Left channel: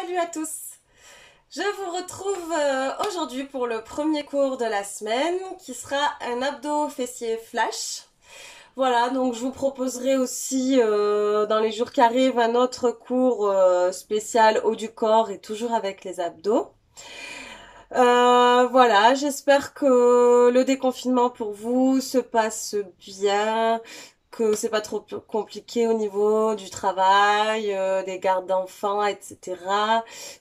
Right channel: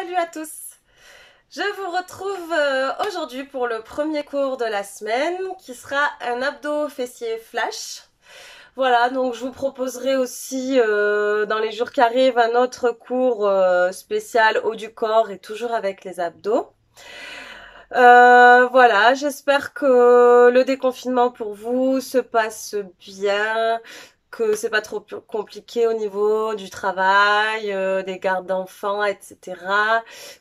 Salut à tous! Je vous retrouve aujourd'hui pour le premier cours de la semaine qui sera un abdos fessier flash. Voilà, donc je vous proposerai aussi dans les jours qui arrivent un autre cours spécial haut du corps et toujours avec les abdos. Voilà, j'espère que le déconfinement pour vous se passe bien, que c'est pas trop compliqué au niveau du travail, des gardes d'enfants, etc.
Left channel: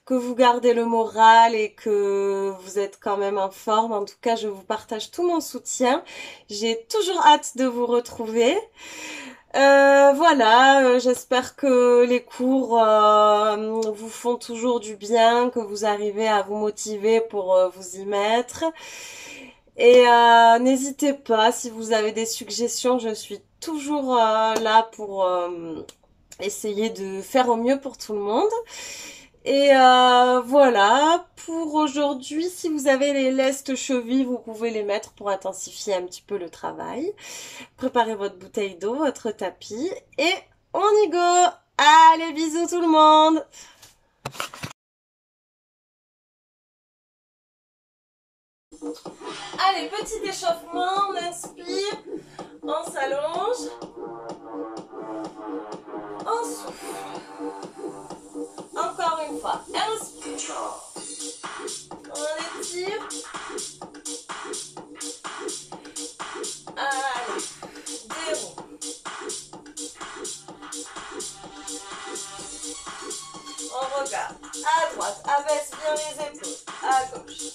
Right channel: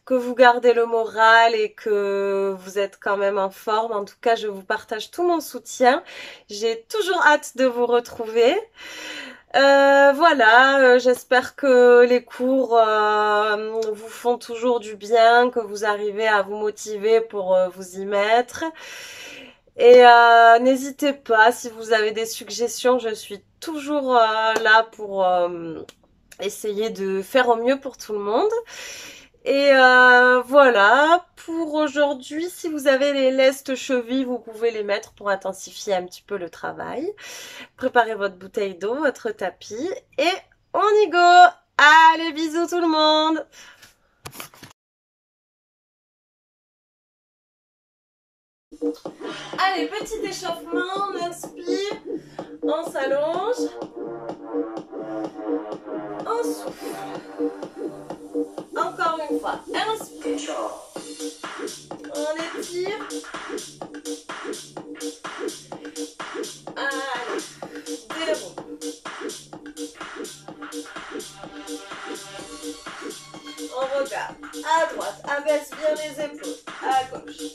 Que vous gardez le moral et que vous êtes quand même en forme. En tout cas, je vous partage tout mon soutien. J'ai toujours hâte de vous retrouver. Voilà, j'espère que les cours vous font toujours du bien, que vous arrivez à vous motiver pour vous y mettre. Et n'hésitez pas, si vous avez des suggestions, je suis toujours là pour essayer de faire au mieux pour tout le monde. Et voilà, pour aujourd'hui, si vous avez les lestes chevilles, vous pouvez les mettre pour intensifier un petit peu le travail. Préparez votre bouteille d'eau, votre tapis et on y go! Allez, bisous tout le monde! Allez, petit échauffement, on inspire, on s'allonge, on souffle. Encore une fois, inspire, on étire. Allez, déroule. On regarde à droite, abaisse bien les épaules, à gauche,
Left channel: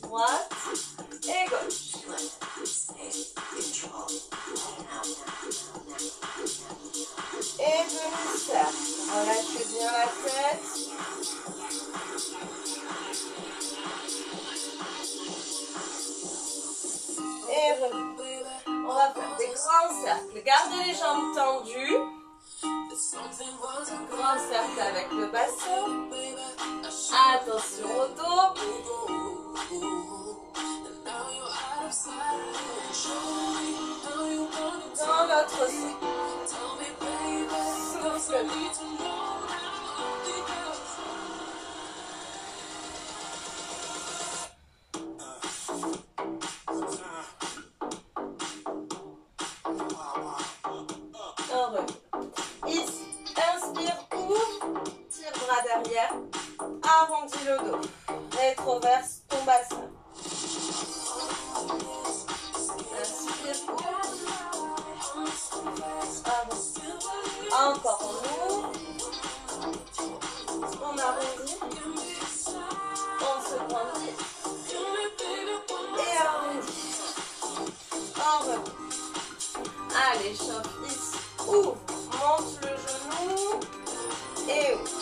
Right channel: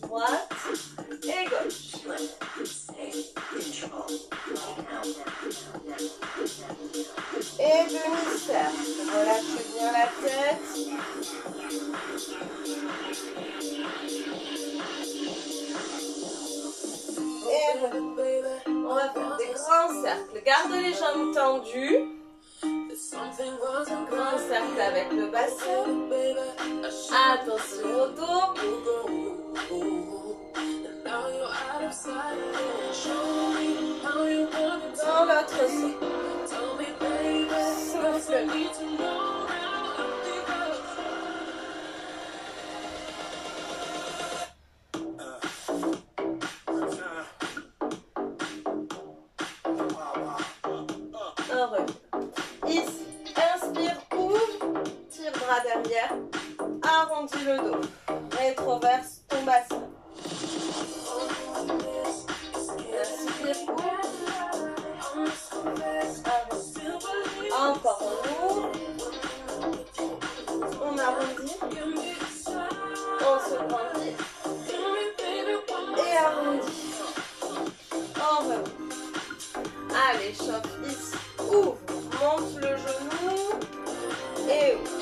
droite et gauche. Et demi-cercle, relâchez bien la tête. Et on va faire des grands cercles. Garde les jambes tendues. Grand cercle avec le bassin. Attention au dos. Dans l'autre sens. Souffle. On revient. Ici, inspire, ouvre, tire bras derrière, arrondis le dos, rétroverse ton bassin. Inspire, ouvre, arrondis. Encore on ouvre, on arrondit, on se grandit et arrondit. On revient. Allez, chauffe ici, ouvre, monte le genou et ouvre.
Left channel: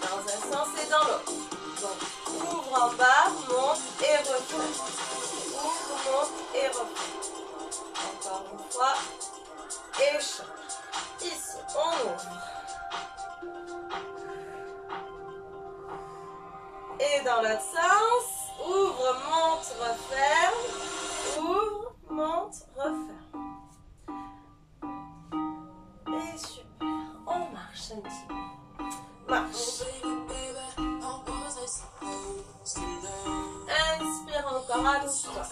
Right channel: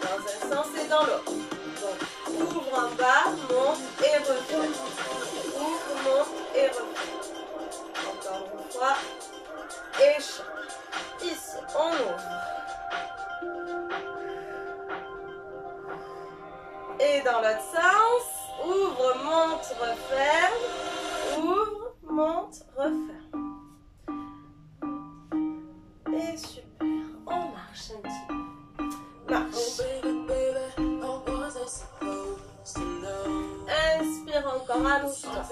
Dans un sens et dans l'autre. Donc, ouvre en bas, monte et referme. Ouvre, monte et referme. Encore une fois. Et chauffe. Ici, on ouvre. Et dans l'autre sens, ouvre, monte, referme. Ouvre, monte, referme. Et super. On marche un petit peu. Marche. Inspire encore à l'instant.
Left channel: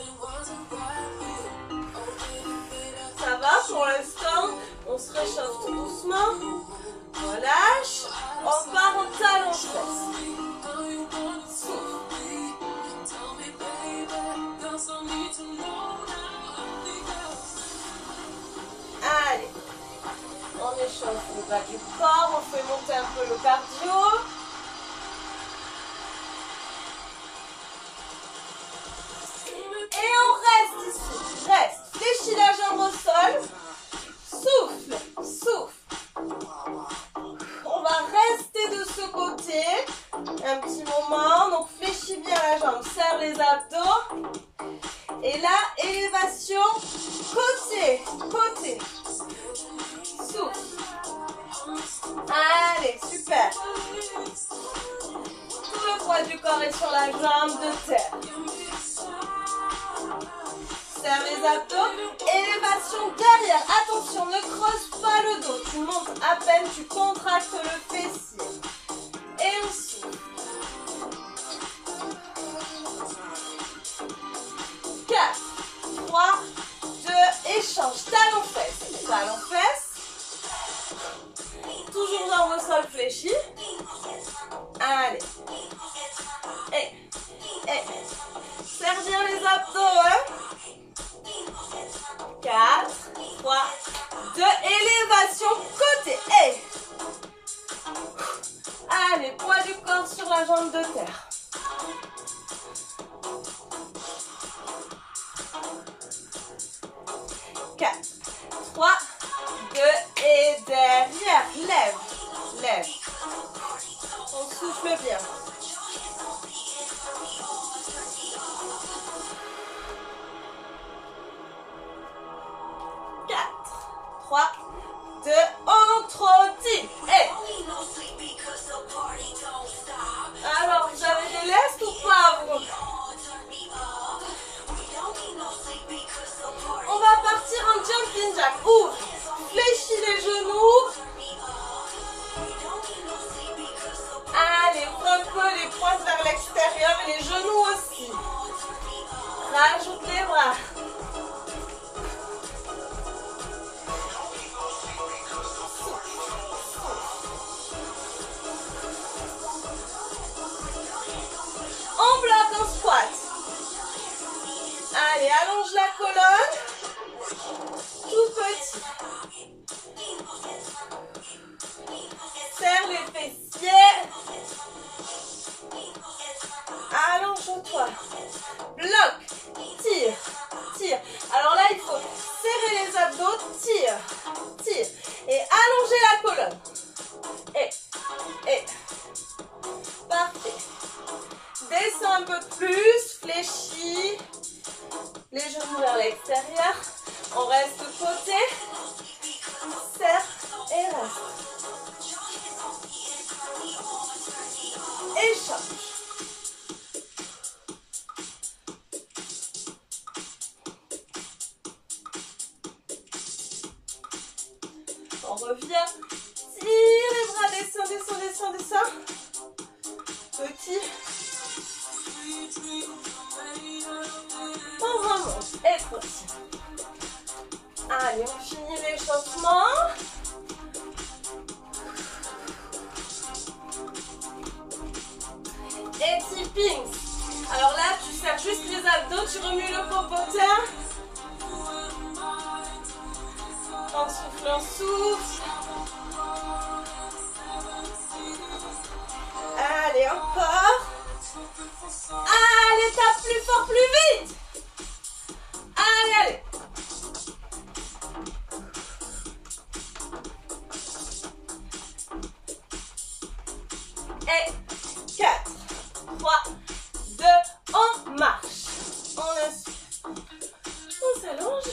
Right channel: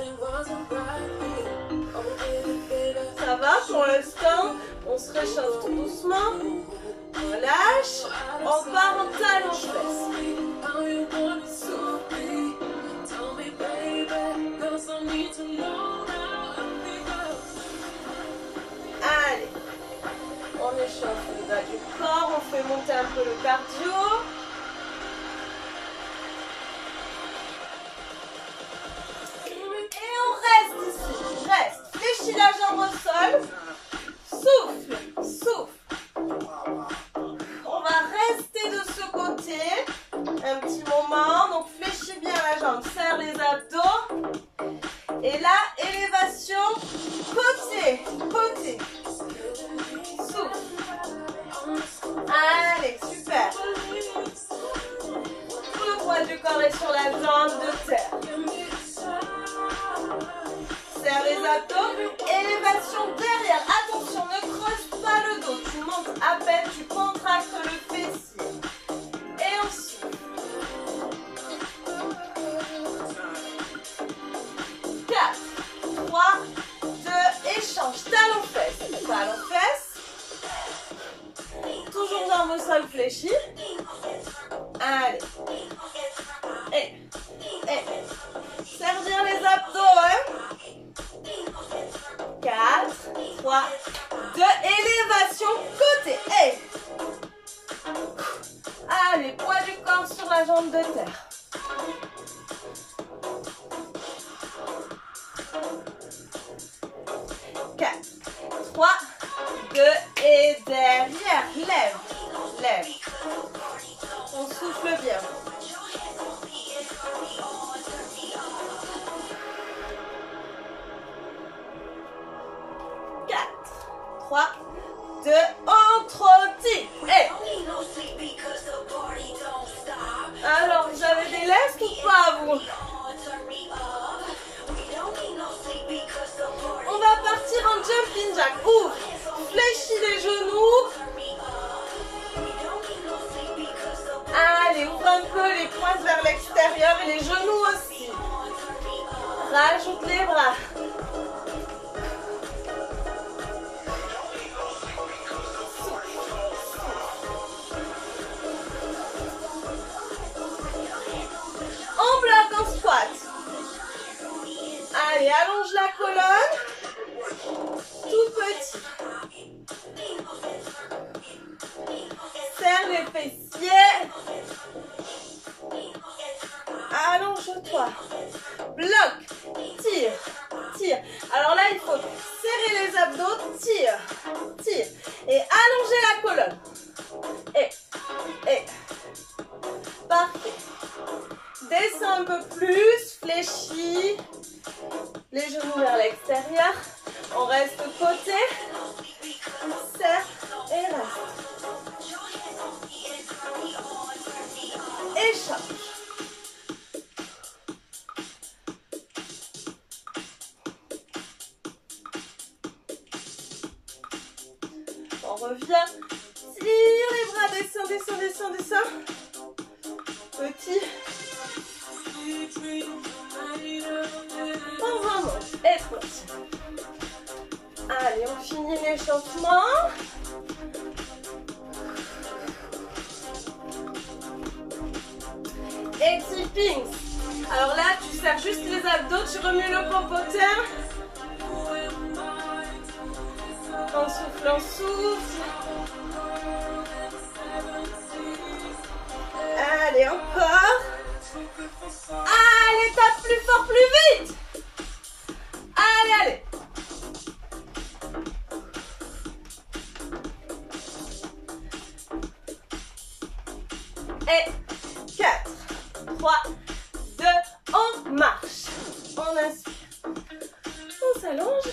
Ça va pour l'instant. On se réchauffe tout doucement. Relâche. On part en talon fesse. Souffle. Allez. On échauffe le bas du corps. On fait monter un peu le cardio. Et on reste ici. Reste. Fléchis la jambe au sol. Souffle. Souffle. On va rester de ce côté un petit moment. Donc fléchis bien la jambe. Serre les abdos. Et là, élévation. Côté. Côté. Souffle. Allez, super. Tout le poids du corps est sur la jambe de terre. Serre les abdos, élévation derrière. Attention, ne creuse pas le dos. Tu montes à peine, tu contractes le fessier. au sol fléchi. Allez. Serre bien les abdos, hein. 4, 3, 2, élévation côté. Allez, poids du corps sur la jambe de terre. 4, 3, 2 et derrière. Lève, lève. On souffle bien. 4, 3, 2, entretien. Alors, vous avez des lestes ou pas, vous? On va partir en jumping jack. Ouvre, fléchis les genoux. Allez, ouvre un peu les pointes vers l'extérieur et les genoux aussi. Rajoute les bras. On bloque en squat. Allez, allonge la colonne. Tout petit. Serre les fessiers. Allonge-toi. Bloque. Tire. Tire. Alors là, il faut serrer les abdos. Tire. Tire. Et allonger la colonne. Et. Parfait. Descends un peu plus. Fléchis. Les genoux vers l'extérieur. On reste côté. Serre et reste. Échange. On revient. Tire les bras. Descends, descends, descends, descends. Petit. On remonte. Et petit. Allez, on finit l'échauffement. Et tipping. Alors là, tu serres juste les abdos, tu remues le popotin. On souffle, on souffle. Allez, encore. Allez, tape plus fort, plus vite. Allez, allez. Et 4, 3, 2, on marche. On inspire. On s'allonge.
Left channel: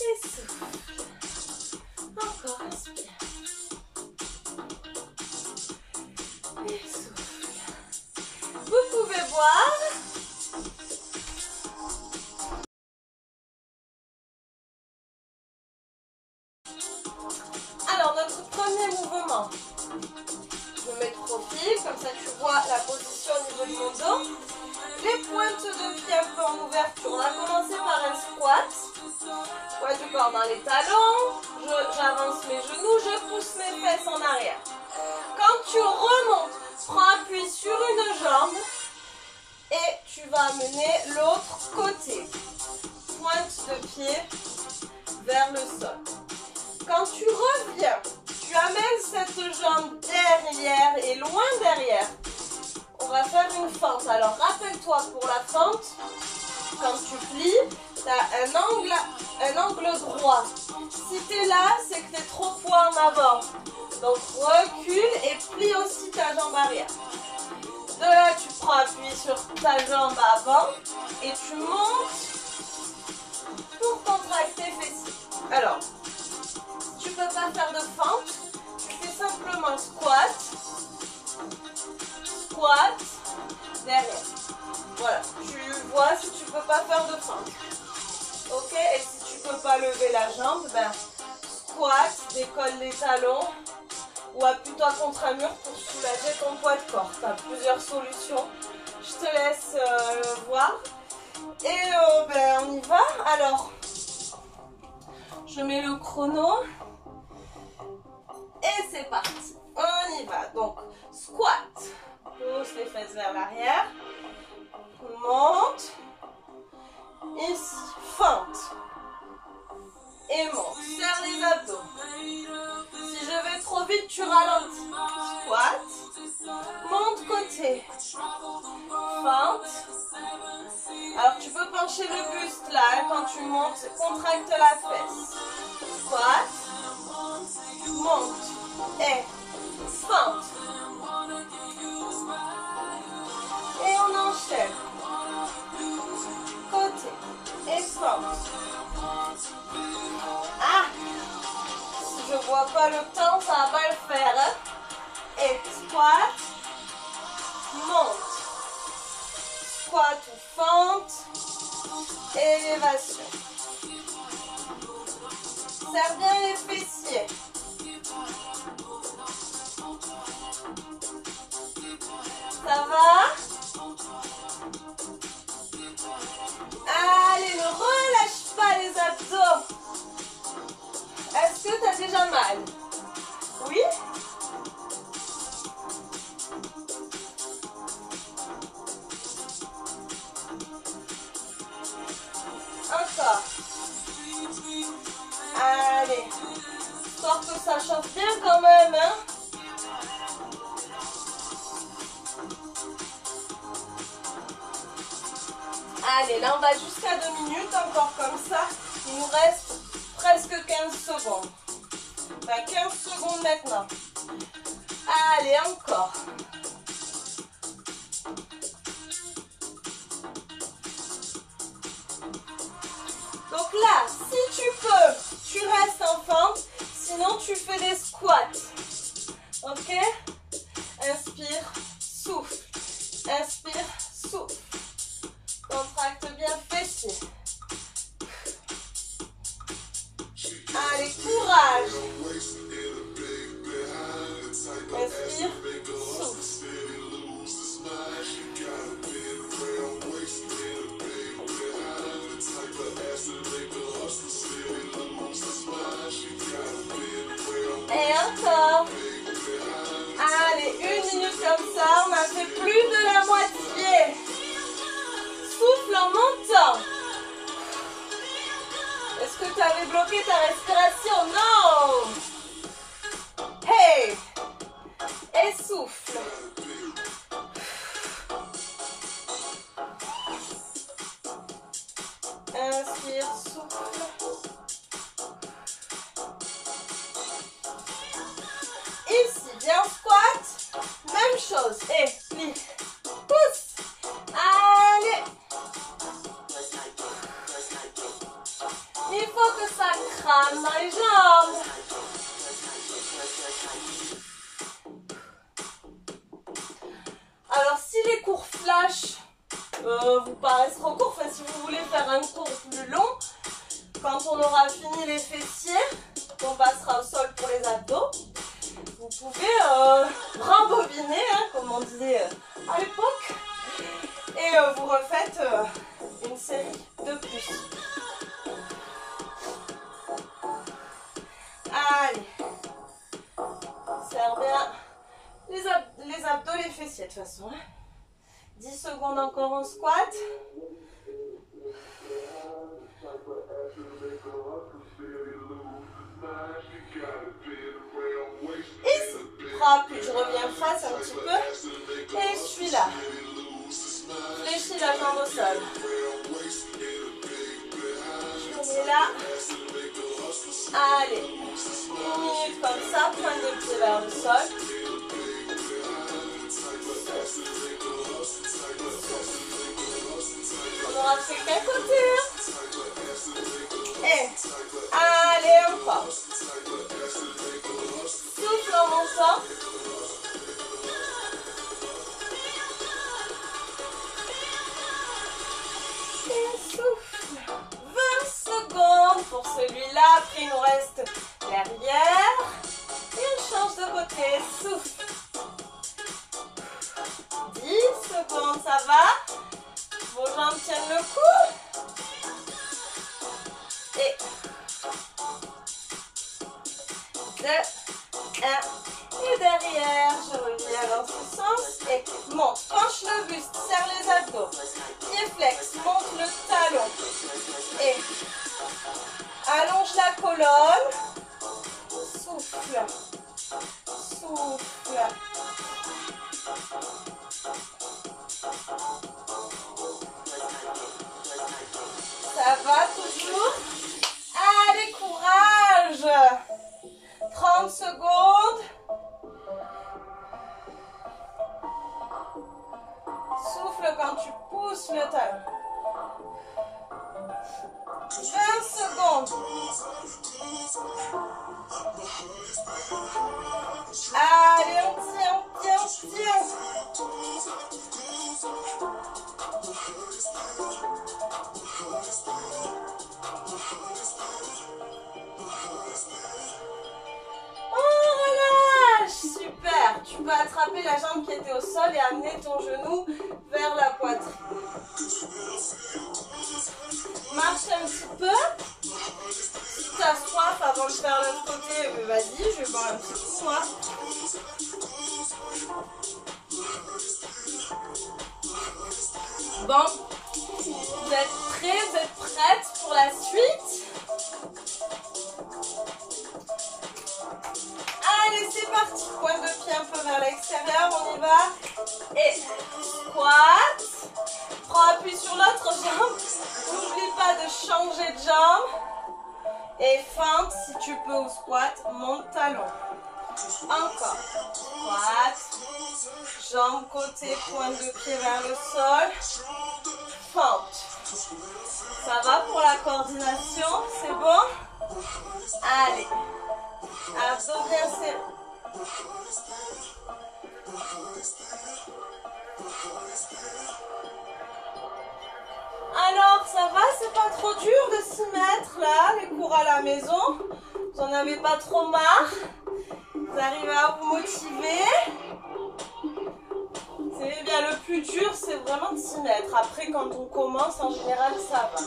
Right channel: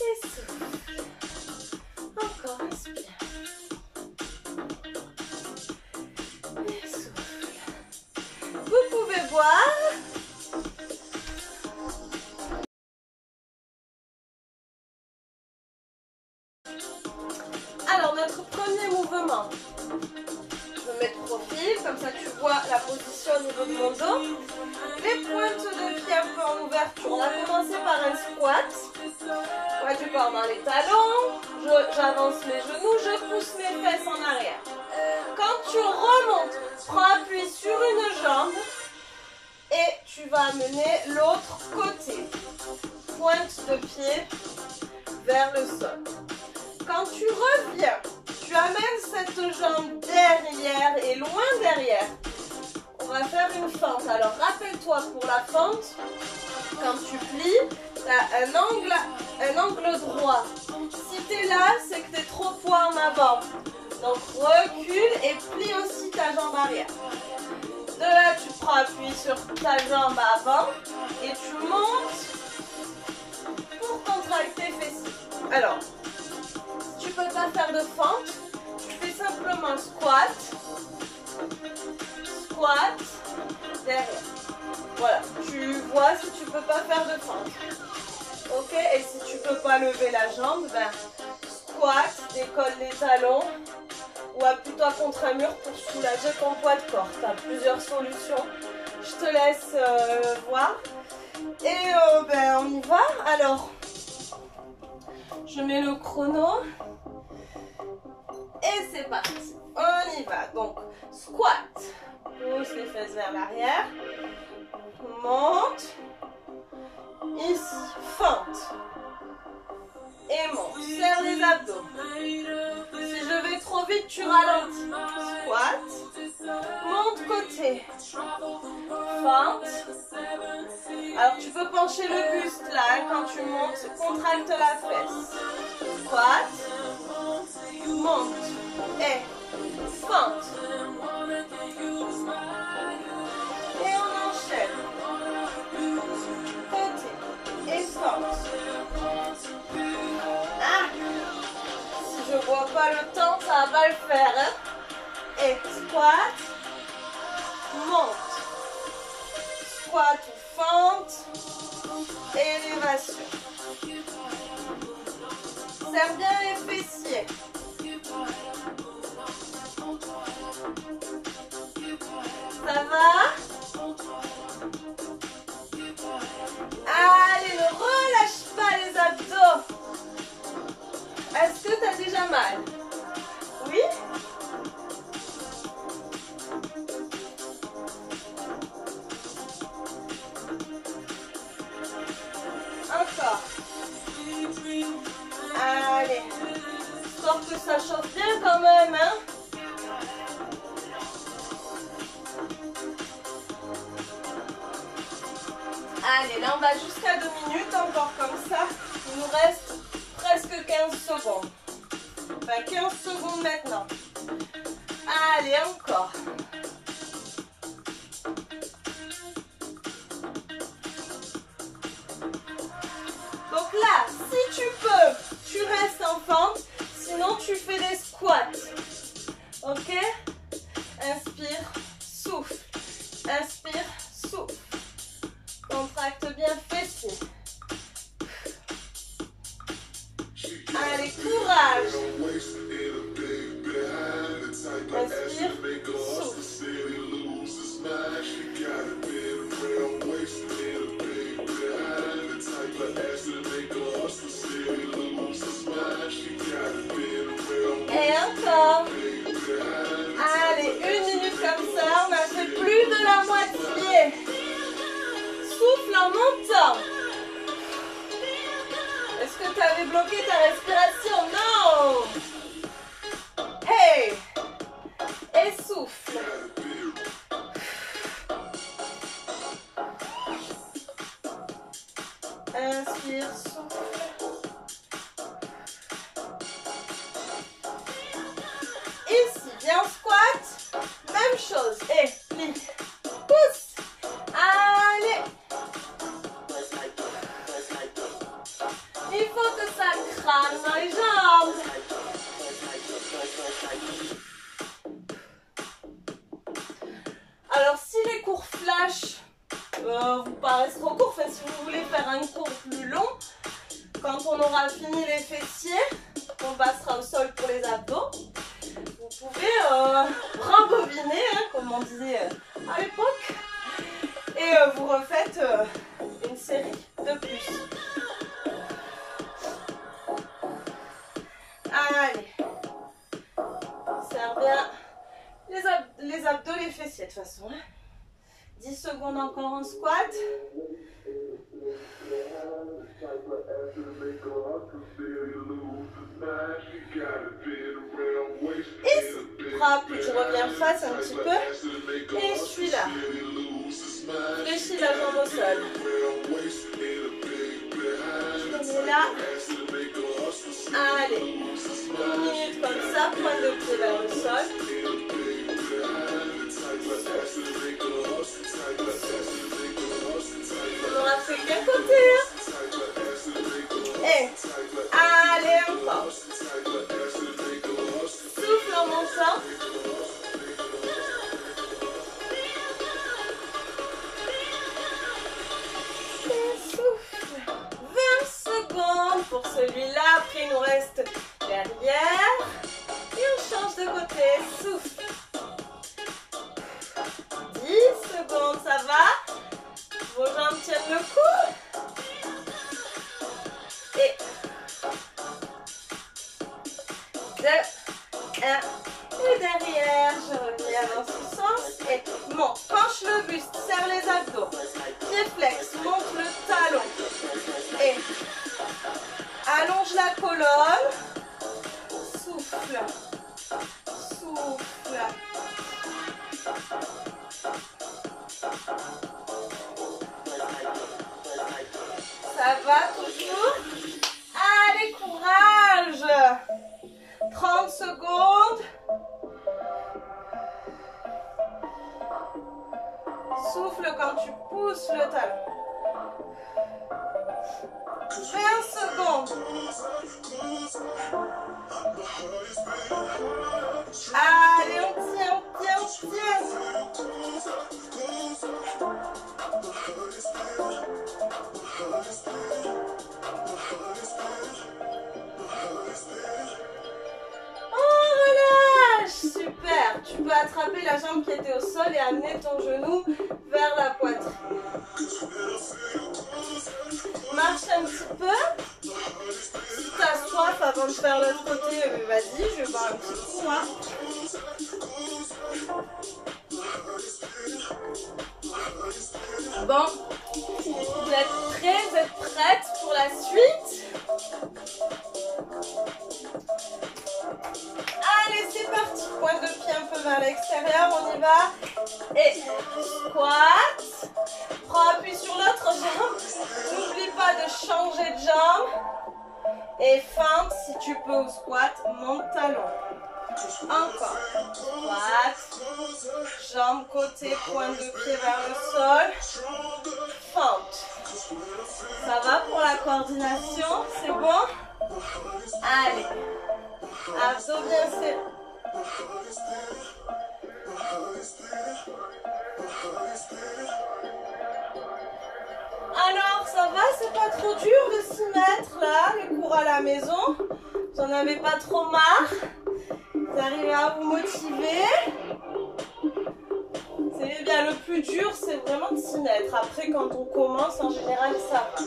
Et souffle. Encore inspire. Et souffle. Vous pouvez boire. Alors, notre premier mouvement. Je me mets de profil, comme ça tu vois la position au niveau de mon dos. Les pointes de pied un peu en ouverture. On va commencer par un squat. Poids du corps dans les talons. J'avance les genoux, je pousse mes fesses en arrière. Quand tu remontes, prends appui sur une jambe et tu vas amener l'autre côté. Pointe de pied vers le sol. Quand tu reviens, tu amènes cette jambe derrière et loin derrière. On va faire une fente. Alors, rappelle-toi pour la fente, quand tu plies, tu as un angle droit. Si tu es là, c'est que tu es trop poids en avant. Donc, recule et plie aussi ta jambe arrière. De là, tu prends appui sur ta jambe avant et tu montes pour contracter fessiers. Alors, tu peux pas faire de fente, tu fais simplement squat, squat, derrière. Voilà, tu vois si tu peux pas faire de fente. Ok, et si tu peux pas lever la jambe, ben squat, décolle les talons ou appuie-toi contre un mur pour soulager ton poids de corps. Tu as plusieurs solutions. Je te laisse voir. Et ben on y va. Alors, je mets le chrono. Et c'est parti. On y va. Donc, squat. Pousse les fesses vers l'arrière. Monte. Ici, fente. Et monte. Serre les abdos. Si je vais trop vite, tu ralentis. Squat. Monte côté. Fente. Alors tu peux pencher le buste là, hein, quand tu montes, contracte la fesse. Squat. Monte. Et fente. Et on enchaîne. Côté. Et fente. Ah! Si je vois pas le temps, ça va pas le faire. Hein? Et squat. Monte. Squat ou fente. Élévation. Serre bien les fessiers. Ça va? Allez, ne relâche pas les abdos. Est-ce que tu as déjà mal? Oui? Encore. Allez. Histoire que ça chauffe bien quand même, hein? Allez, là on va jusqu'à 2 minutes, encore comme ça. Il nous reste presque 15 secondes. Enfin, 15 secondes maintenant. Allez, encore. Donc là, si tu peux, tu restes en fente. Sinon, tu fais des squats. Ok? Inspire, souffle. Inspire, souffle. Contracte bien fessier. Allez, courage. Inspire, souffle. Et encore. Allez, 1 minute comme ça. On a fait plus de la moitié. Souffle en montant. Est-ce que tu avais bloqué ta respiration? Non. Hey. Et souffle. Inspire, souffle. Ici, viens squat. Même chose. Et plie. Pousse. Allez. Il faut que ça crame dans les jambes. Alors, si les cours flash vous paraissent trop courts, enfin, si vous voulez faire un cours plus long, quand on aura fini les fessiers, on passera au sol pour les abdos. Vous pouvez rembobiner, hein, comme on disait à l'époque, et vous refaites une série de plus. Allez, serre bien les abdos, les fessiers de toute façon. 10 secondes encore en squat. Et frappe, je reviens face un petit peu. Et je suis là. Fléchis la jambe au sol. On est là. Allez. 1 minute comme ça, pointe de pied vers le sol. On n'aura fait qu'un côté. Et allez, encore. Souffle en montant. Et souffle. 20 secondes pour celui-là. Après, il nous reste derrière. Et on change de côté. Souffle. 10 secondes, ça va? Vos jambes tiennent le coup. Et 2, 1. Et derrière, je reviens dans ce sens et monte. Penche le buste, serre les abdos. Pied flex, monte le talon. Et allonge la colonne. Souffle. Souffle. Ça va toujours? Allez, courage! 30 secondes. Souffle quand tu pousses le talon. 20 secondes. Allez, on tient, on tient, on tient. Oh, relâche. Super. Tu peux attraper la jambe qui était au sol et amener ton genou vers la poitrine. Marche un petit peu. Si tu as soif avant de faire l'autre côté, vas-y, je vais boire un petit coup, moi. Bon, vous êtes prêts, vous êtes prêtes pour la suite? Allez, c'est parti. Pointe de pied un peu vers l'extérieur, on y va. Et squat. Prends appui sur l'autre jambe. N'oublie pas de changer de jambe. Et fente, si tu peux au squat, monte talon. Encore. Squat. Jambe côté, pointe de pied vers le sol. Fente. Ça va pour la coordination? C'est bon? Allez. Abdos bien serrés. Alors, ça va? C'est pas trop dur de s'y mettre là, les cours à la maison? Vous en avez pas trop marre? Vous arrivez à vous motiver? C'est bien, le plus dur, c'est vraiment de s'y mettre. Après, quand on commence, en général, ça va.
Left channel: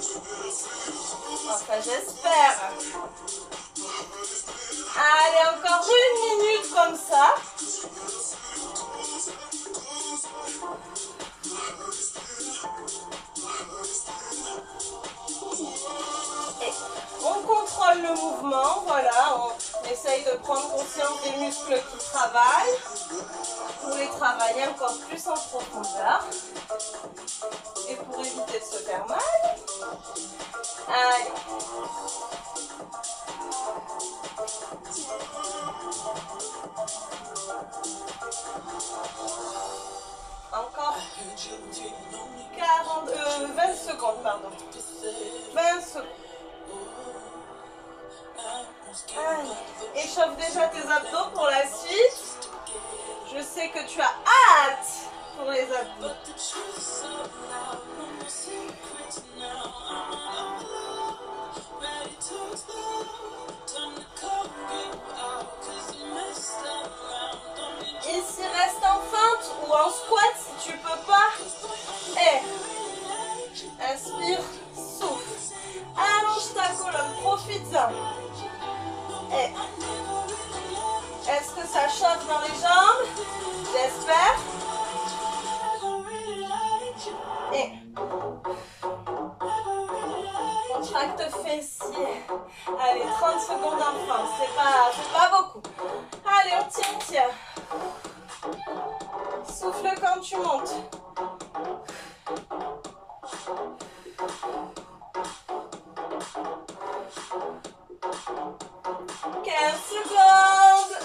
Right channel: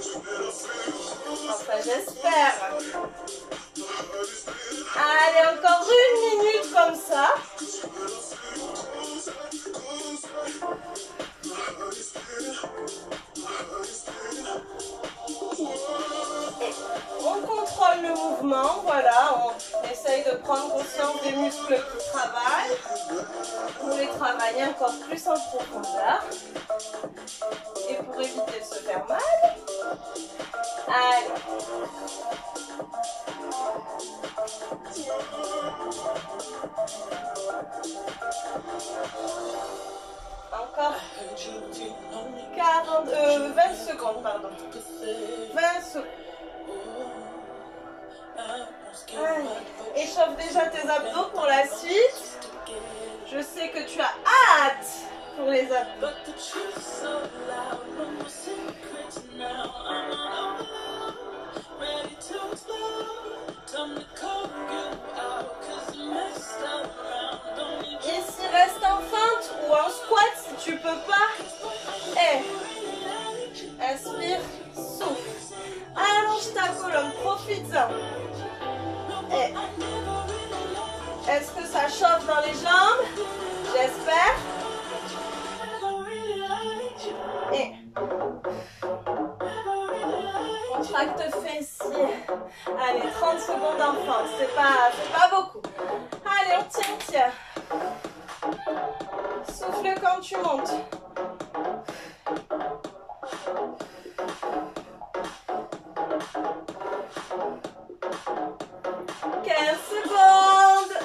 Enfin, j'espère. Allez, encore 1 minute comme ça. Et on contrôle le mouvement, voilà, on essaye de prendre conscience des muscles qui travaillent pour les travailler encore plus en profondeur et pour éviter de se faire mal. Allez. Encore 20 secondes, pardon. 20 secondes. Allez. Échauffe déjà tes abdos pour la suite. Je sais que tu as hâte pour les abdos. Ici, reste en feinte ou en squat si tu peux pas. Et inspire, souffle. Allonge ta colonne, profites-en. Et est-ce que ça chauffe dans les jambes? J'espère. Et contracte fessier. Allez, 30 secondes en force. C'est pas beaucoup. Allez, on tient, on tient. Souffle quand tu montes. Secondes.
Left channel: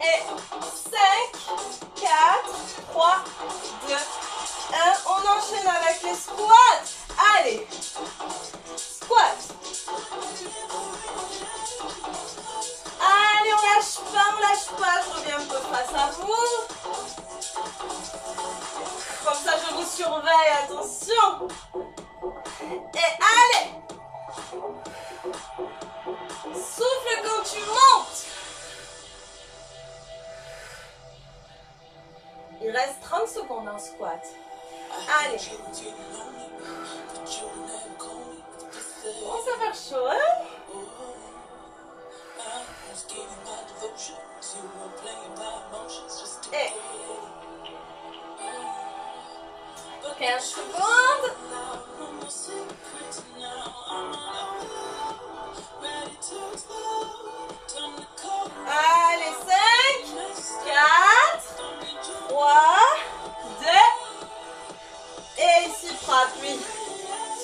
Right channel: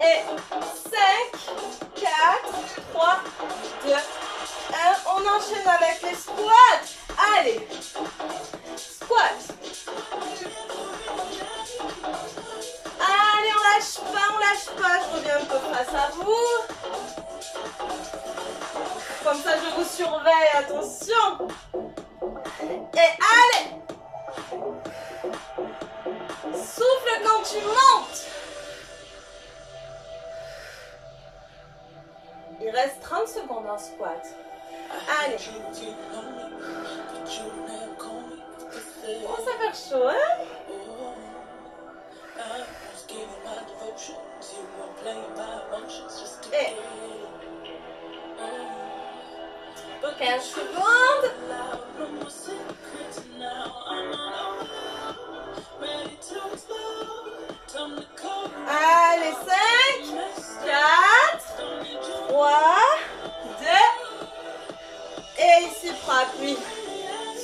Et 5, 4, 3, 2, 1. On enchaîne avec les squats. Allez. Squat. Allez, on lâche pas. Je reviens un peu face à vous. Comme ça, je vous surveille. Attention. Et allez. Souffle quand tu montes. Il reste 30 secondes en squat. Allez. Oh, ça va faire chaud, hein? Et 15 secondes. Allez, 5, 4, 3, 2. Et ici, frappe, oui.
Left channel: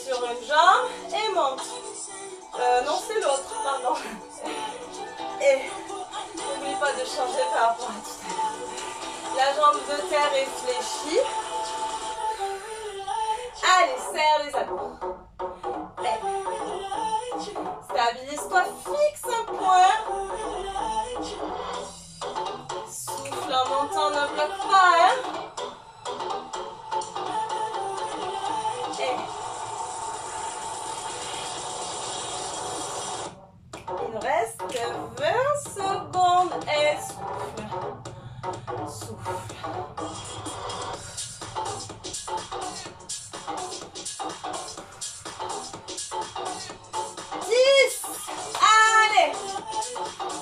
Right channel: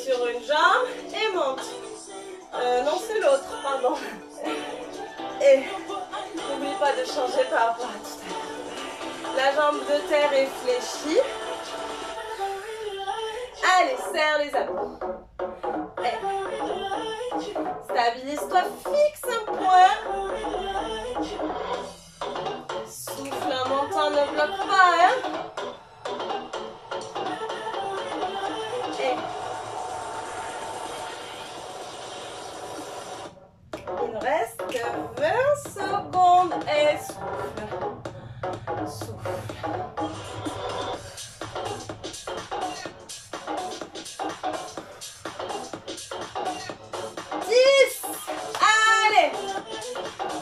Sur une jambe et monte. Non, c'est l'autre, pardon. Et n'oublie pas de changer par rapport à tout à l'heure. La jambe de terre est fléchie. Allez, serre les abdos. Stabilise-toi, fixe un point. Souffle en montant, ne bloque pas. Hein? Et il nous reste 20 secondes. Et souffle. Souffle.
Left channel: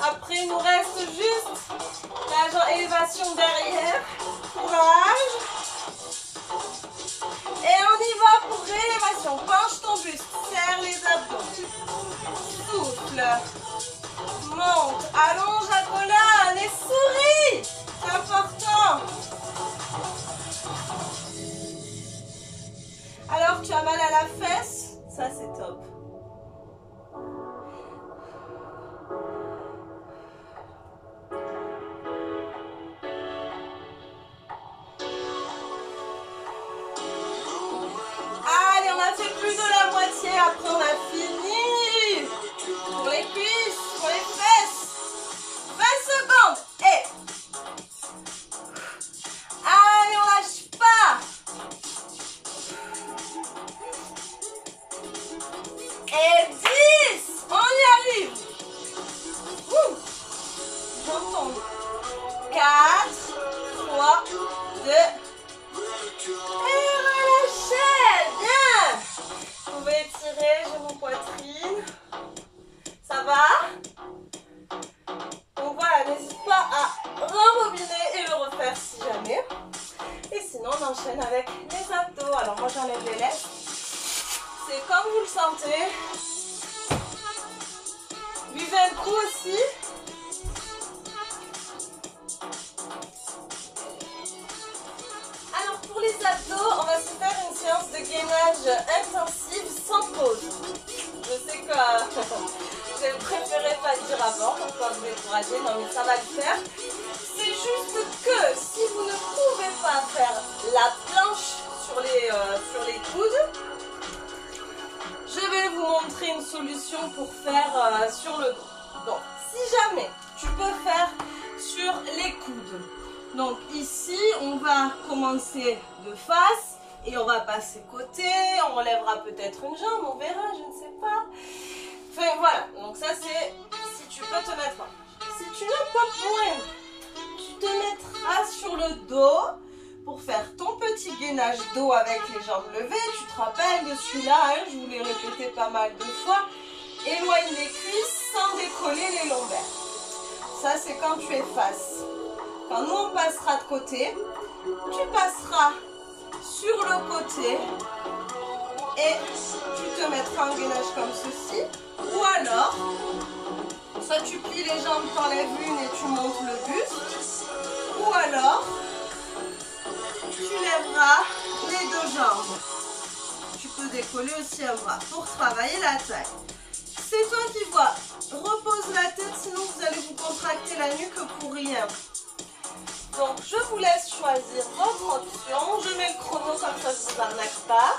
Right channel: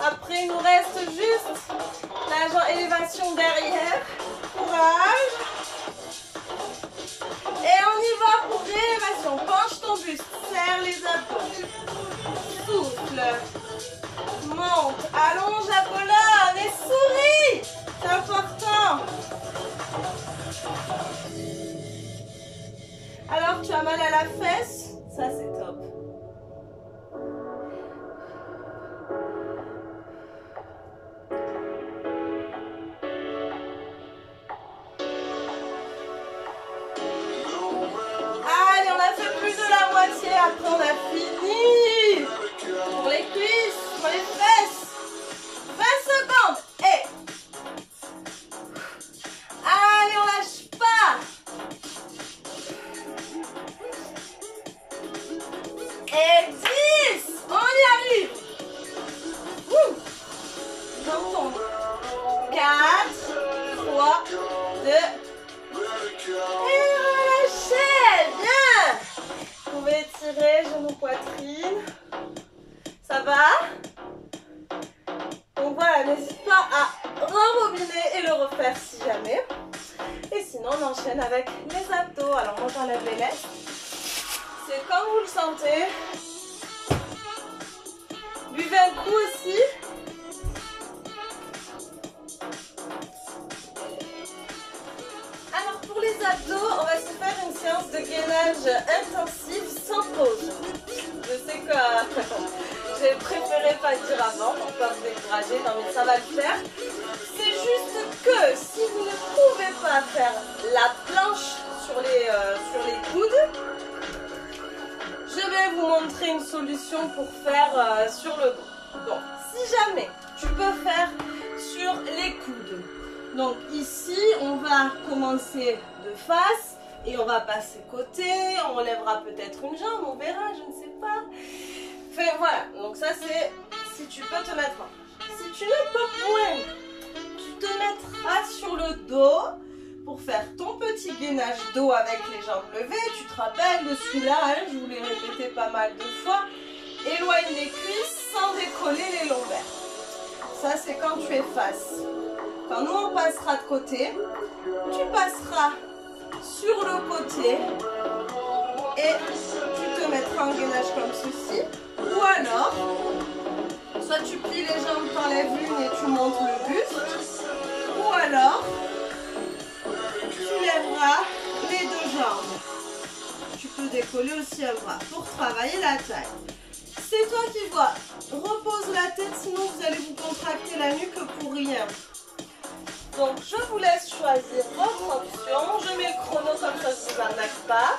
Après, il nous reste juste la élévation derrière. Courage. Et on y va pour réélévation. Penche ton buste. Serre les abdos. Souffle. Monte. Allonge la colonne. Et souris. C'est important. Alors, tu as mal à la fesse? Ça, c'est top. Après on a fini. Pour les cuisses, pour les fesses. 20 secondes. Et allez, on lâche pas. Et 10. On y arrive. J'entends. 4, 3, 2. Et relâchez. Bien. Vous pouvez étirer genou, poitrine. Ça va? Donc voilà, n'hésite pas à rembobiner et le refaire si jamais. Et sinon, on enchaîne avec les abdos. Alors moi, j'enlève les laisses. C'est comme vous le sentez. Buvez un coup aussi. Alors pour les abdos, on va se faire une séance de gainage intensive sans pause. Je sais que j'ai préféré pas dire avant pour pas vous décourager, non mais ça va le faire. C'est juste que si vous ne pouvez pas faire la planche sur les coudes, je vais vous montrer une solution pour faire sur le dos. Donc si jamais tu peux faire sur les coudes. Donc ici, on va commencer de face et on va passer côté. On relèvera peut-être une jambe, on verra, je ne sais pas. Enfin voilà, donc ça c'est si tu peux te mettre. Si tu n'as pas point, tu te mettras sur le dos pour faire ton petit gainage dos avec les jambes levées. Tu te rappelles de celui-là, hein, je vous l'ai répété pas mal de fois. Éloigne les cuisses sans décoller les lombaires. Ça c'est quand tu es face. Quand nous on passera de côté, tu passeras sur le côté et tu te mettras en gainage comme ceci. Ou alors, soit tu plies les jambes, t'enlèves l'une et tu montes le buste. Ou alors, tu lèveras les deux jambes. Tu peux décoller aussi un bras pour travailler la taille. C'est toi qui vois. Repose la tête, sinon vous allez vous contracter la nuque pour rien. Donc, je vous laisse choisir votre option. Je mets le chrono comme ça, je ne vous arnaque pas.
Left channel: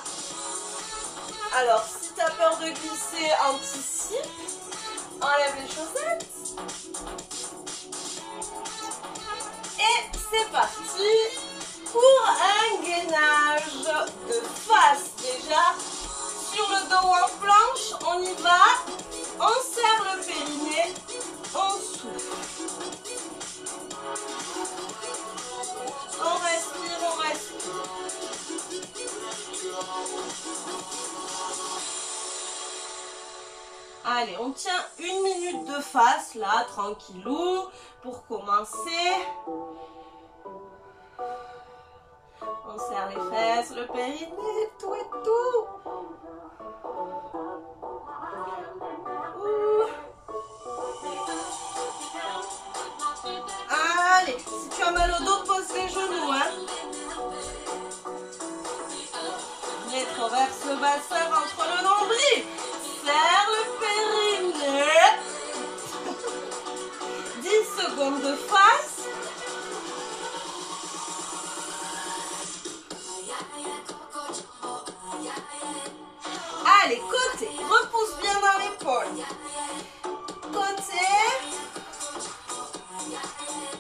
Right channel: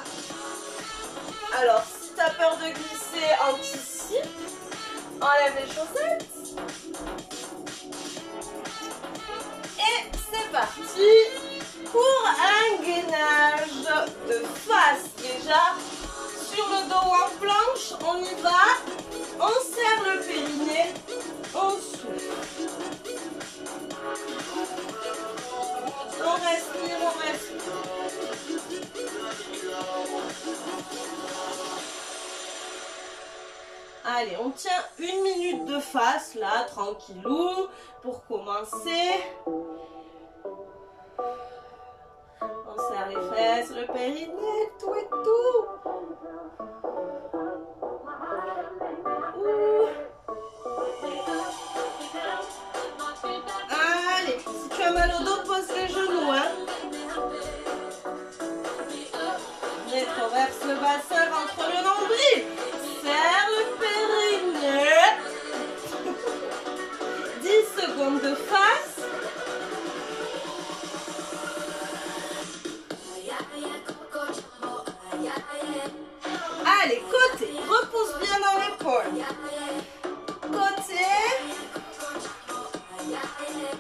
Alors, si tu as peur de glisser, anticipe. Enlève les chaussettes. Et c'est parti pour un gainage de face. Déjà, sur le dos en planche, on y va. On serre le périnée. On souffle. On respire, on respire. Allez, on tient 1 minute de face, là, tranquillou, pour commencer. On serre les fesses, le périnée, tout et tout. Ouh. Allez, si tu as mal au dos, pose les genoux, hein. Rétroverse le bassin entre le nombril. Serre le périnée. 10 secondes de face. Allez, côté. Repousse bien dans l'épaule. Côté.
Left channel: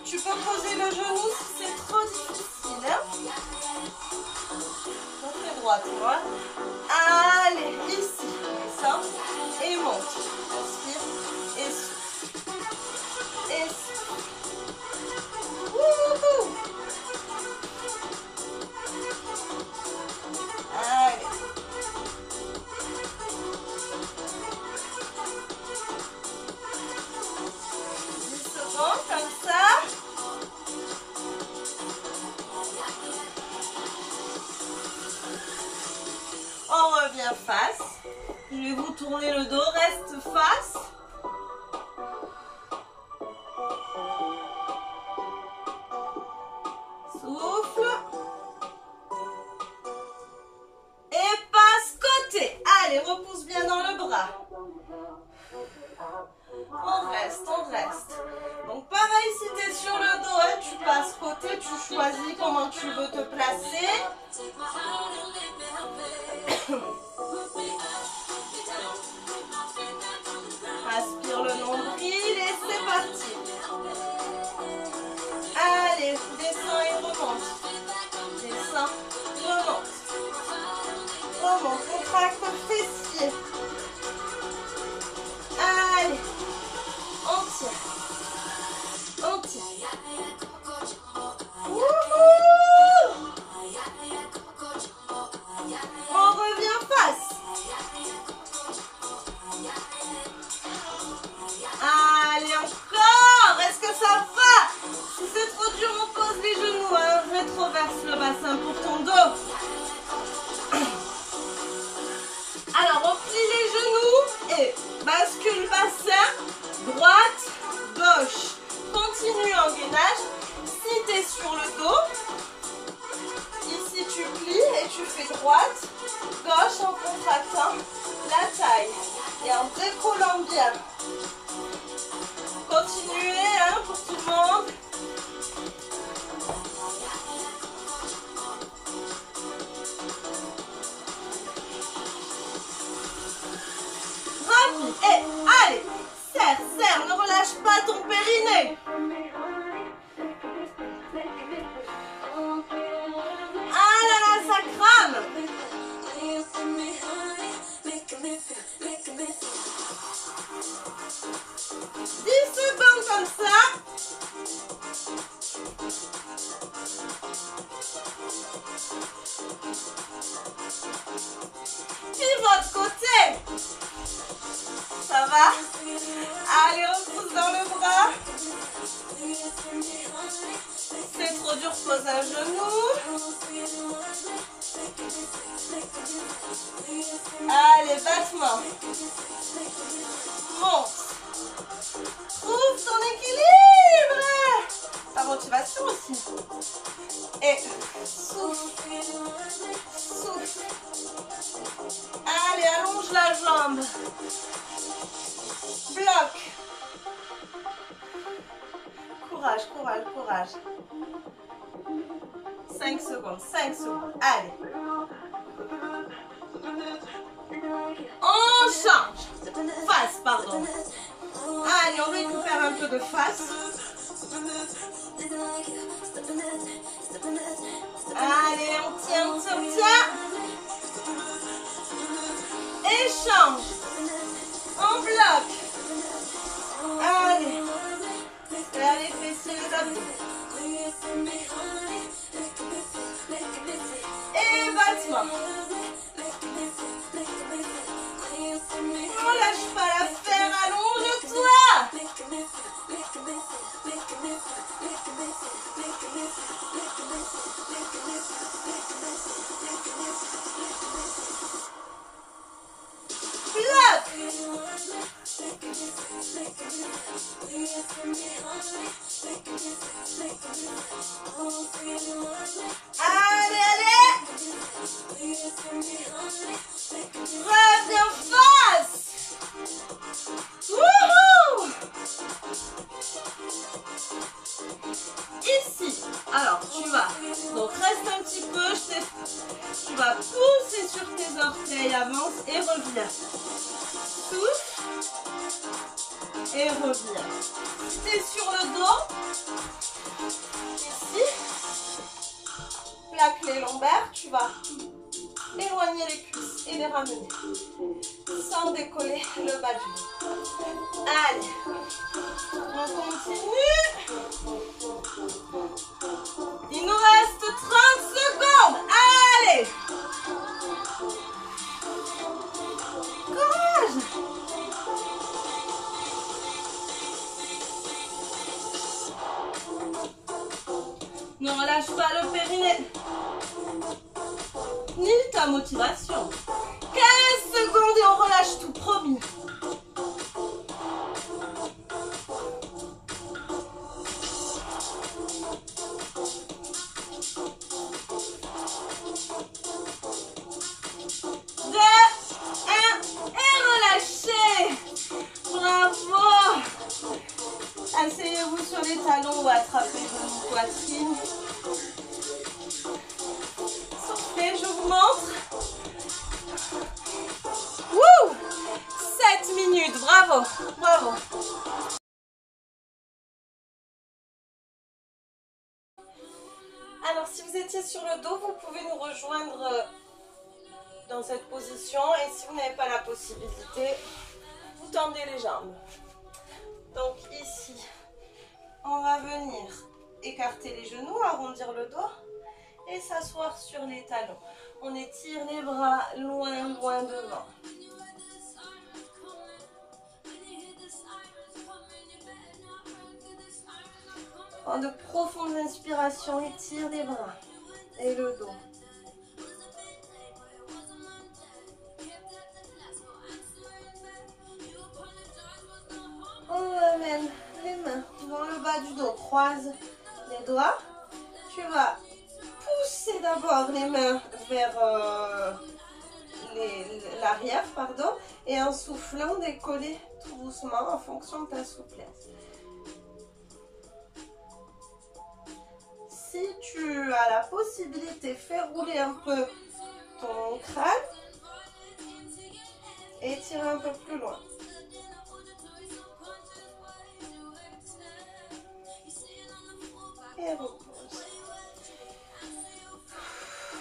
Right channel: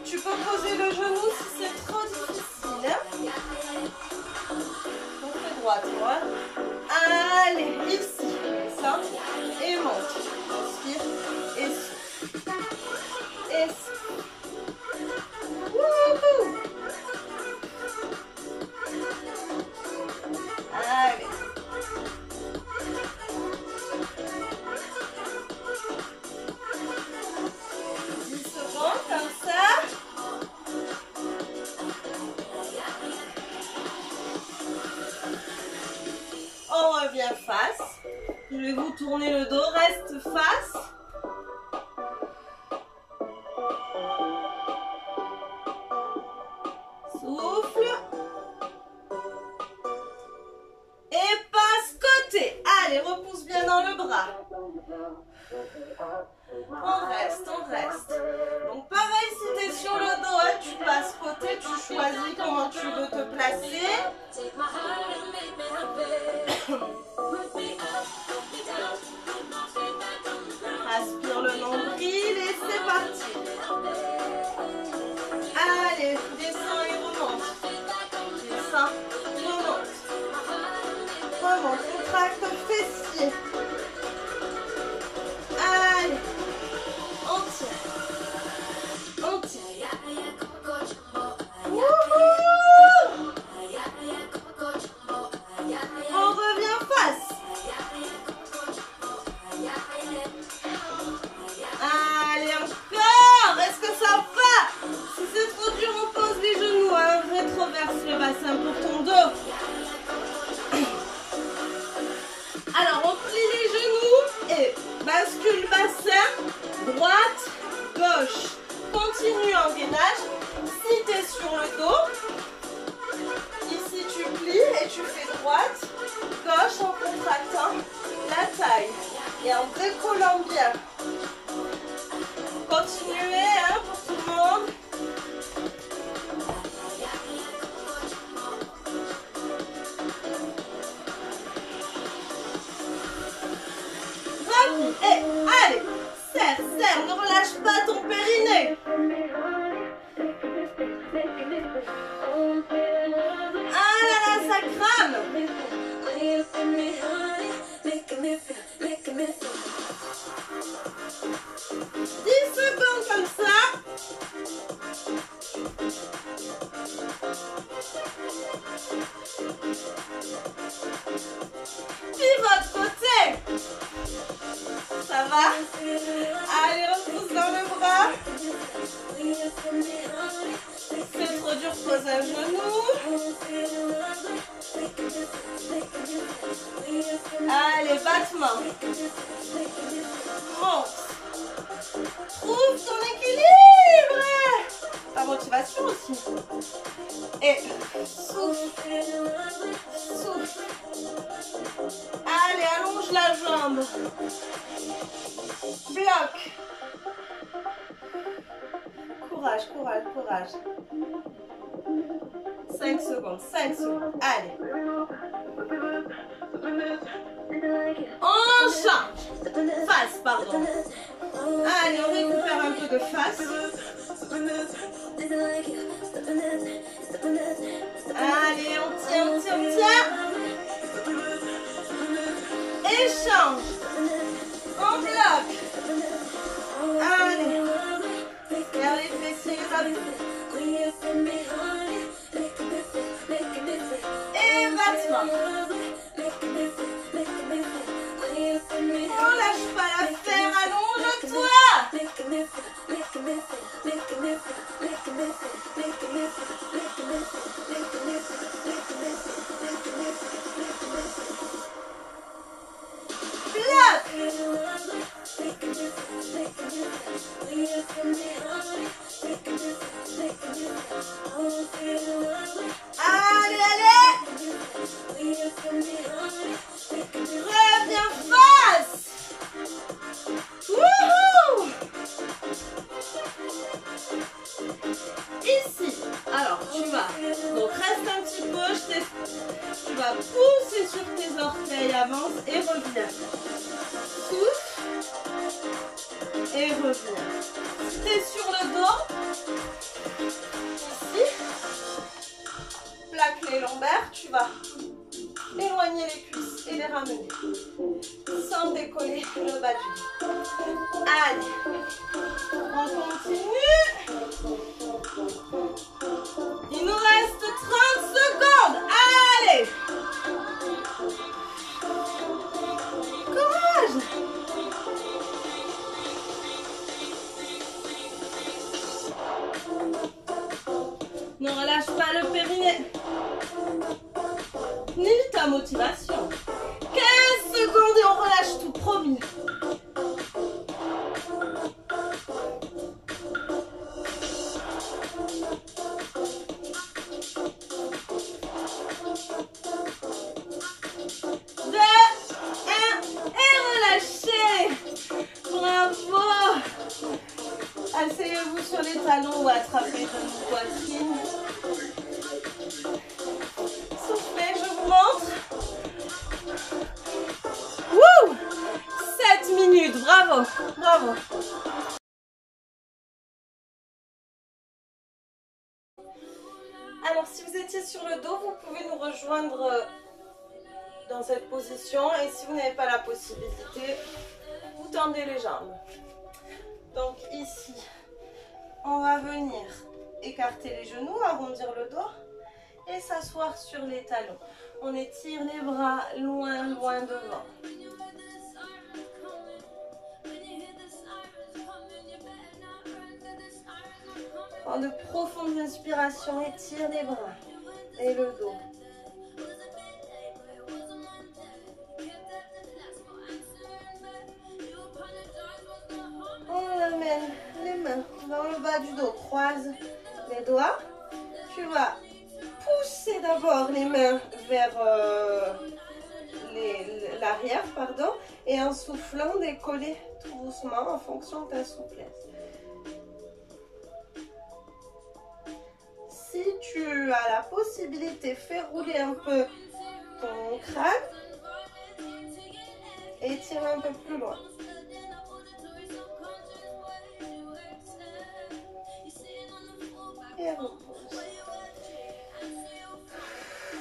Tu peux poser le genou si c'est trop difficile. Hein? Côté droite, moi. Allez, ici. Descends et monte. Inspire et souffle. Et souffle. Wouhou! Allez. Comme ça. On revient face. Je vais vous tourner le dos, reste face. Souffle. Et passe côté. Allez, repousse bien dans le bras. On reste, on reste. Donc pareil, si tu es sur le dos, hein, tu passes côté, tu choisis comment tu veux te placer. Aspire le nombril et c'est parti. Allez, descends et remonte. Descends, remonte. Remonte, contracte le fessier. Allez, on tient. On tient. Wouhou! On revient face. Allez, encore. Est-ce que ça va? Si c'est trop dur, on pose les genoux. Hein. Rétroverse le bassin pour ton dos. Alors, on plie les genoux et bascule bassin, droite, gauche. Continue en gainage. Si tu es sur le dos, ici tu plies et tu fais droite, gauche en contractant la taille et en décollant bien. Continuez hein, pour tout le monde. Et allez, serre, serre, ne relâche pas ton périnée. Ah là là, ça crame. 10 secondes comme ça. Pivote côté. Ça va? Allez, repousse dans le bras. C'est trop dur, pose un genou. Allez, battement. Monte. Trouve ton équilibre. Ta motivation aussi. Et souffle. Souffle. Allez, allonge la jambe. Bloc. Courage, courage, courage. 5 secondes, 5 secondes. Allez. On change. Face, pardon. Allez, on récupère un peu de face. Allez, on tient, on tient, on tient. Échange. On bloque. Allez. Faire les fessiers, les abdos. Et battement. On lâche pas la fesse. vas pousser sur tes orteils, avance et reviens. Souffle et reviens. Si tu es sur le dos, ici, plaque les lombaires, tu vas éloigner les cuisses et les ramener sans décoller le bas du dos. Allez, on continue. Il nous reste 30 secondes. Allez, courage. Ne relâche pas le périnée ni ta motivation. 15 secondes et on relâche tout, promis. Asseyez-vous sur les talons ou attrapez genoux, poitrine. Soufflez, je vous montre. Wouh! 7 minutes, bravo, bravo. Alors, si vous étiez sur le dos, vous pouvez nous rejoindre dans cette position. Et si vous n'avez pas la possibilité, vous tendez les jambes. Donc ici, on va venir écarter les genoux, arrondir le dos et s'asseoir sur les talons. On étire les bras loin, loin devant. Prends de profondes inspirations, étire les bras et le dos. On amène les mains dans le bas du dos, croise les doigts. Tu vas pousser d'abord les mains vers l'arrière, pardon, et en soufflant, décoller tout doucement en fonction de ta souplesse. Si tu as la possibilité, fais rouler un peu ton crâne et tire un peu plus loin. Et repose.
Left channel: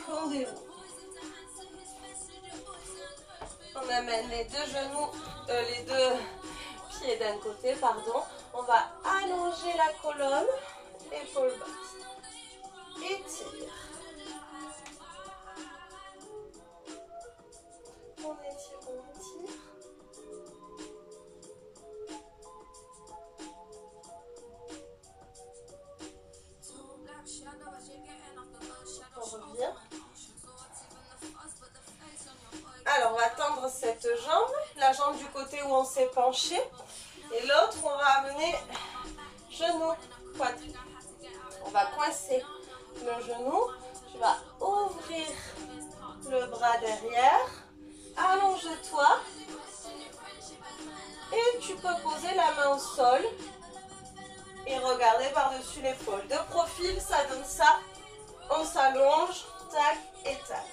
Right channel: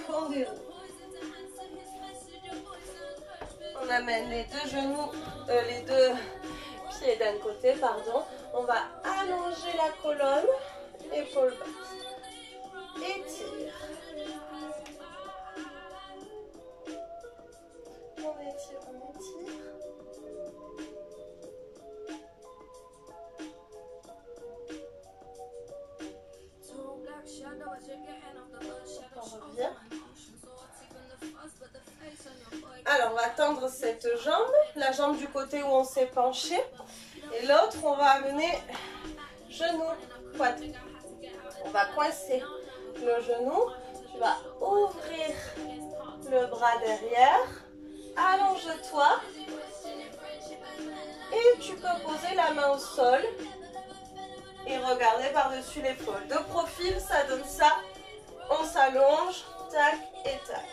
On déroule. On amène les deux genoux, les deux pieds d'un côté, pardon. On va allonger la colonne, épaule basse. Étire. On étire, on étire. On revient. Alors, on va tendre cette jambe, la jambe du côté où on s'est penché. Et l'autre, on va amener genou, poitrine. On va coincer le genou. Tu vas ouvrir le bras derrière. Allonge-toi. Et tu peux poser la main au sol et regarder par-dessus l'épaule. De profil, ça donne ça. On s'allonge, tac et tac.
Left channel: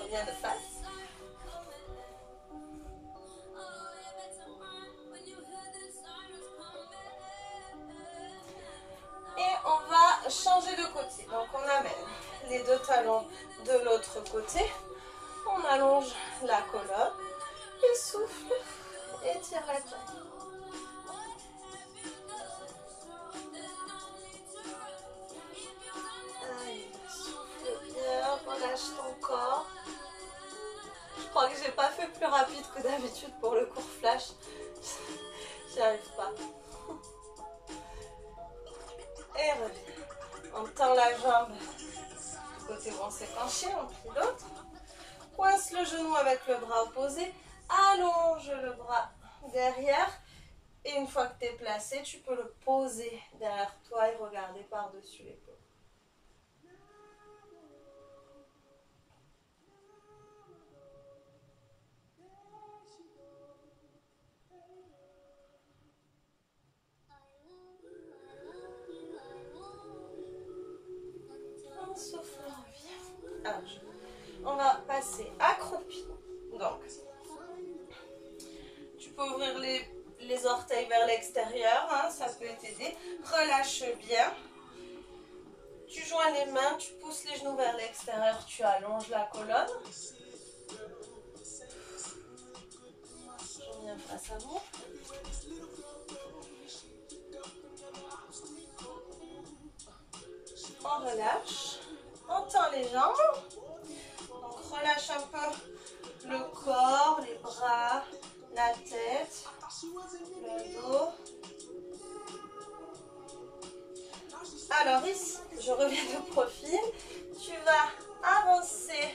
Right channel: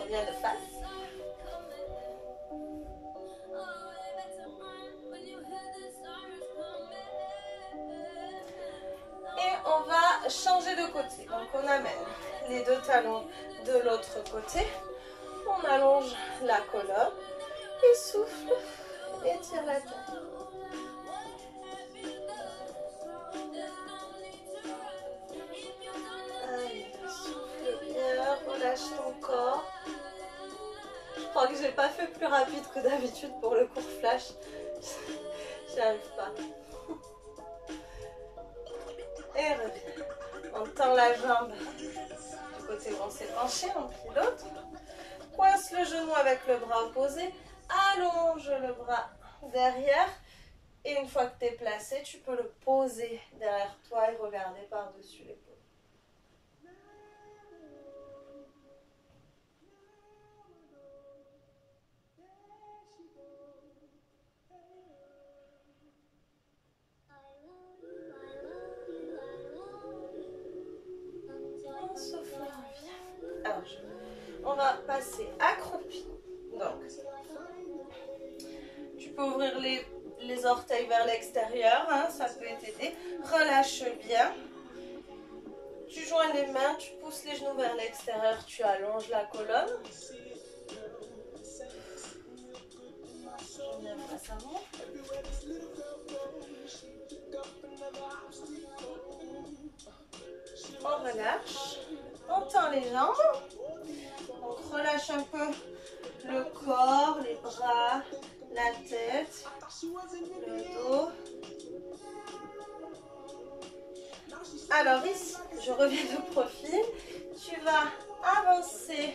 Reviens de face. Et on va changer de côté. Donc on amène les deux talons de l'autre côté. On allonge la colonne et souffle. Étire la taille. Allez, souffle bien, relâche ton corps. Je crois que j'ai pas fait plus rapide que d'habitude pour le cours flash. J'y arrive pas. Et reviens. On tend la jambe du côté où on s'est penché, on plie l'autre. Coince le genou avec le bras opposé. Allonge le bras derrière. Et une fois que tu es placé, tu peux le poser derrière toi et regarder par-dessus l'épaule. passer accroupi. Donc, tu peux ouvrir les orteils vers l'extérieur, hein, ça peut t'aider. Relâche bien. Tu joins les mains, tu pousses les genoux vers l'extérieur, tu allonges la colonne. Je viens face à vous. On relâche. On tend les jambes. Donc relâche un peu le corps, les bras, la tête, le dos. Alors ici, je reviens de profil. Tu vas avancer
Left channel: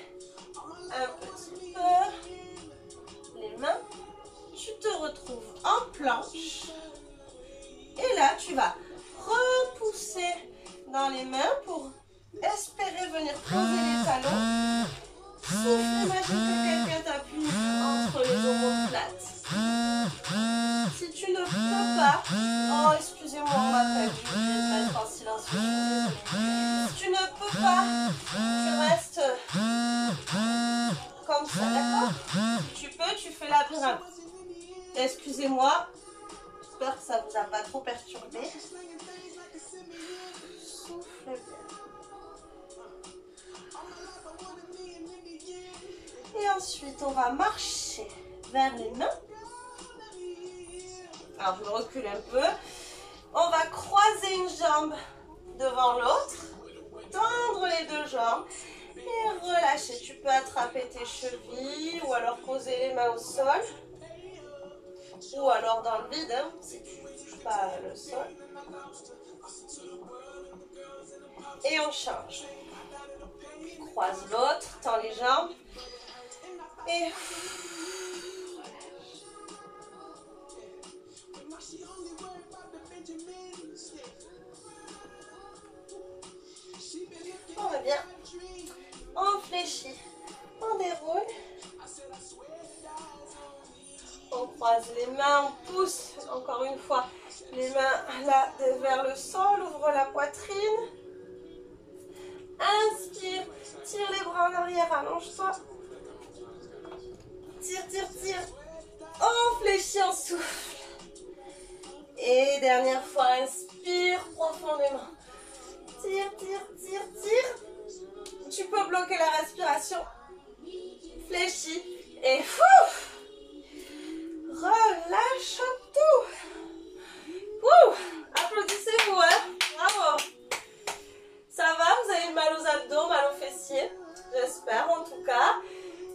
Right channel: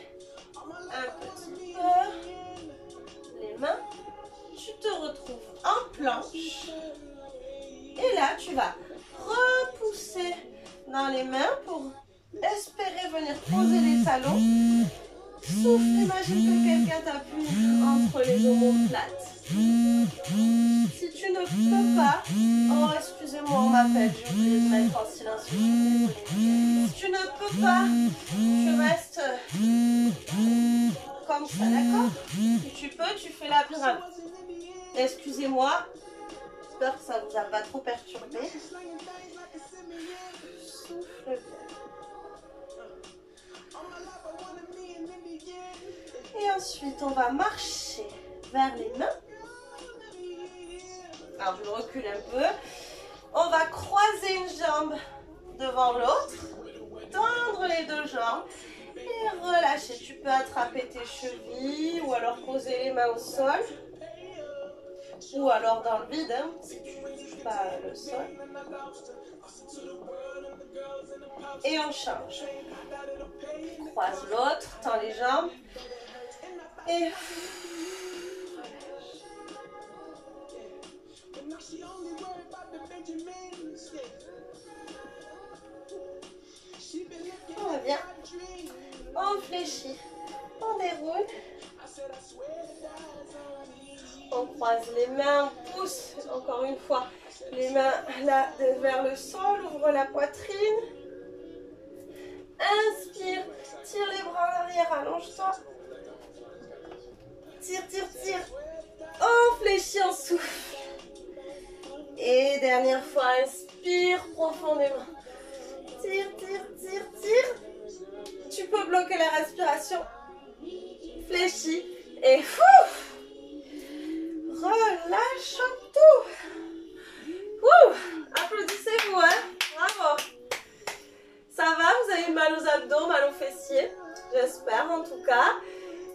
un petit peu les mains. Tu te retrouves en planche. Et là, tu vas repousser dans les mains pour espérer venir poser les talons. Souffle, imagine que quelqu'un t'appuie entre les omoplates. Si tu ne peux pas, oh excusez-moi, on m'appelle, je vais mettre en silence, je suis désolée. Si tu ne peux pas, tu restes comme ça, d'accord? Si tu peux, tu fais la pyramide. Excusez-moi, j'espère que ça ne vous a pas trop perturbé. Souffle bien. Et ensuite, on va marcher vers les mains. Alors, je recule un peu. On va croiser une jambe devant l'autre. Tendre les deux jambes. Et relâcher. Tu peux attraper tes chevilles ou alors poser les mains au sol. Ou alors dans le vide, hein, si tu ne touches pas le sol. Et on change. Croise l'autre, tend les jambes. Et on va bien. On fléchit. On déroule. On croise les mains, on pousse encore une fois les mains là vers le sol, ouvre la poitrine. Inspire, tire les bras en arrière, allonge-toi. Tire, tire, tire. On fléchit, on souffle. Et dernière fois, inspire profondément. Tire, tire, tire, tire. Tu peux bloquer la respiration. Fléchis. Et fouf. Relâche tout. Ouh. Applaudissez-vous, hein. Bravo. Ça va? Vous avez mal aux abdos, mal aux fessiers? J'espère en tout cas.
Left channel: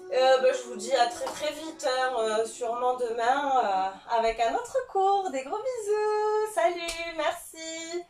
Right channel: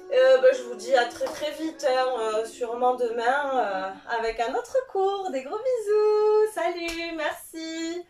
Je vous dis à très très vite, hein, sûrement demain avec un autre cours. Des gros bisous. Salut, merci.